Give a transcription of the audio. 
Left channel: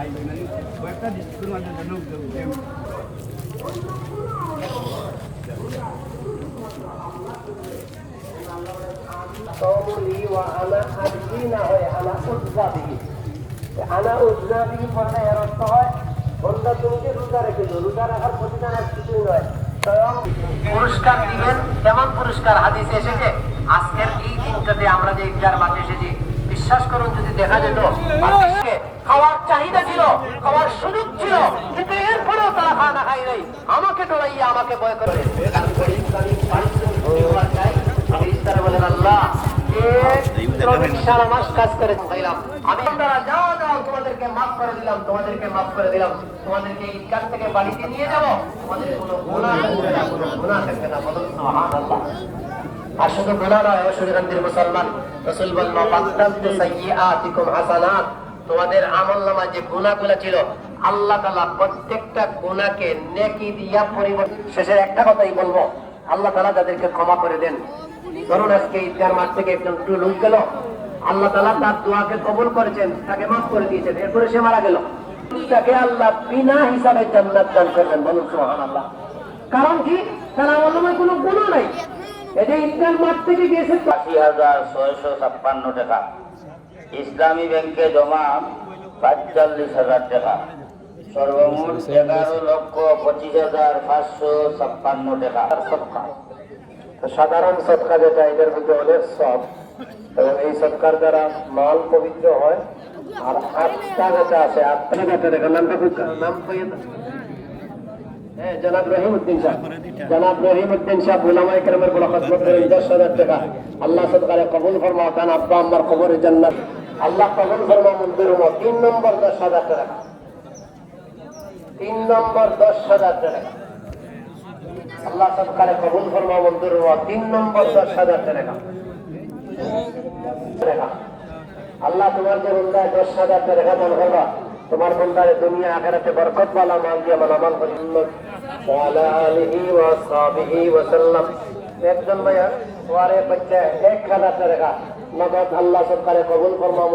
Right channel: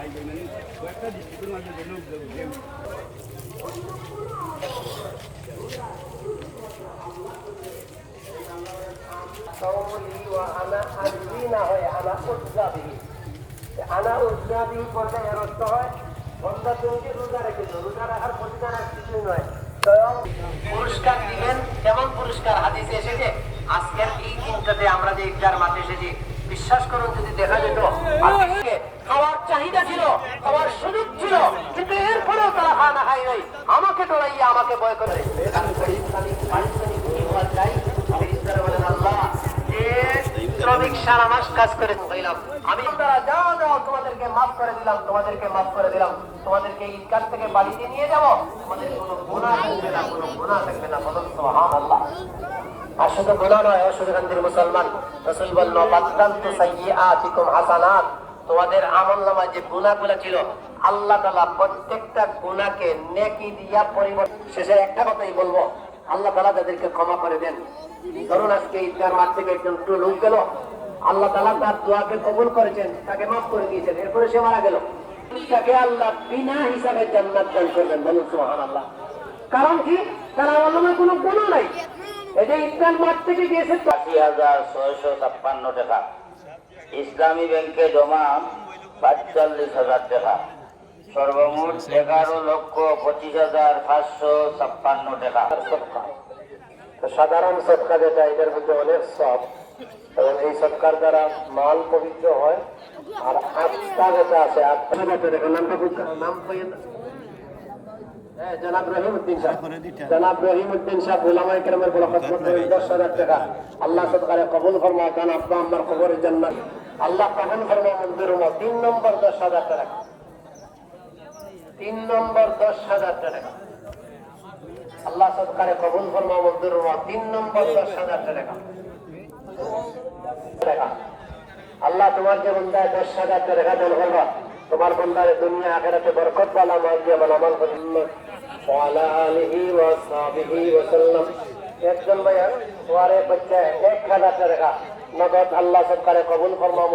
মানে কয়েকটা ডিস্ট্রিক্টের মধ্যে লোক قولي وأنا أدين أنا أجزى به أنا أجزى به বলতে এর অর্থ হয় বন্ধা তুমি যে রোজা রেখেছো রোজা রাখার প্রতিদান আর কিছুই নয় পুরস্কার দিবেন কেমন পুরস্কার হাদিসে এসেছে আজকের এই দিনটাতে আমরা যে ইফতার মাঠে এসেছি বিশ্বাস করুন যদি দেখা যেত খাওয়ার চাহিদা ছিল খাওয়ার সুযোগ ছিল কিন্তু এরপরেও তারা খানা খাই নাই আমাকে ডরাইয়া আমাকে ভয় করে কাজ করে আমি তোমাদেরকে মাফ করে দিলাম তোমাদেরকে ঈদগাহ থেকে বাড়িতে নিয়ে যাবো তোমাদের কোনো গুনাহ থাকবে না বলুন সুবহানাল্লাহ আর শুধু গুনাহ নয় অসুবিধান্তির মুসলমান রাসূল বললেন ফাতাবতু সাইয়্যাতিকুম হাসানাত তোমাদের আমলনামায় যে গুনাহগুলো ছিল আল্লাহ তাআলা প্রত্যেকটা গুনাহকে নেকি দিয়া পরিবর্তন শেষে একটা কথাই বলবো আল্লাহ তাআলা তাদেরকে ক্ষমা করে দেন ধরুন আজকে ঈদগাহ মাঠ থেকে একজন লোক গেল আল্লাহ তাআলা তার দোয়াকে কবুল করেছেন তাকে মাফ করে দিয়েছেন এরপরে সে মারা গেল তাকে আল্লাহ বিনা হিসাবে জান্নাত দান করবেন বলুন সুবহানাল্লাহ কারণ কি তার আমলনামায় কোনো গুনাহ নাই এই যে ঈদগাহ মাঠ থেকে গিয়েছে ৮০,৬৫৬ টাকা ইসলামী ব্যাংকে জমা ৪৫,০০০ টাকা সর্বমোট ১১,২৫,৫৫৬ টাকা সদকা তো সাধারণ সদকা যেটা এদের মধ্যে অনেক সব এবং এই সদকার দ্বারা মাল পবিত্র হয় আর আত্মা যেটা আছে আত্মা যেটা দেখেন নামটা নাম জনাব রহিমউদ্দিন সাহেব উলামায়ে কেরামের বড় খিদমত করেন ১০,০০০ টাকা আল্লাহ সদকারে কবুল ফরমাও দান আব্বা আম্মার কবরে জান্নাত আল্লাহ কবুল ফরমাও মঞ্জুর হও ৩ নম্বর ১০,০০০ টাকা ৩ নম্বর ১০,০০০ টাকা আল্লাহ সদকারে কবুল ফরমাও মঞ্জুর হও ৩ নম্বর ১০,০০০ টাকা আল্লাহ তোমার যে বান্দা ১০,০০০ টাকা দান করবা তোমার বান্দারে দুনিয়া আখিরাতে বরকত वाला মাল দিয়ে আমাল করুন ওয়ালা আলিহি ওয়া সাহবিহি ওয়া সাল্লাম একজন ভাইয়া ওয়ারে বাচ্চা ১,০০০ টাকা নগদ আল্লাহ সরকারে কবুল ফরমাও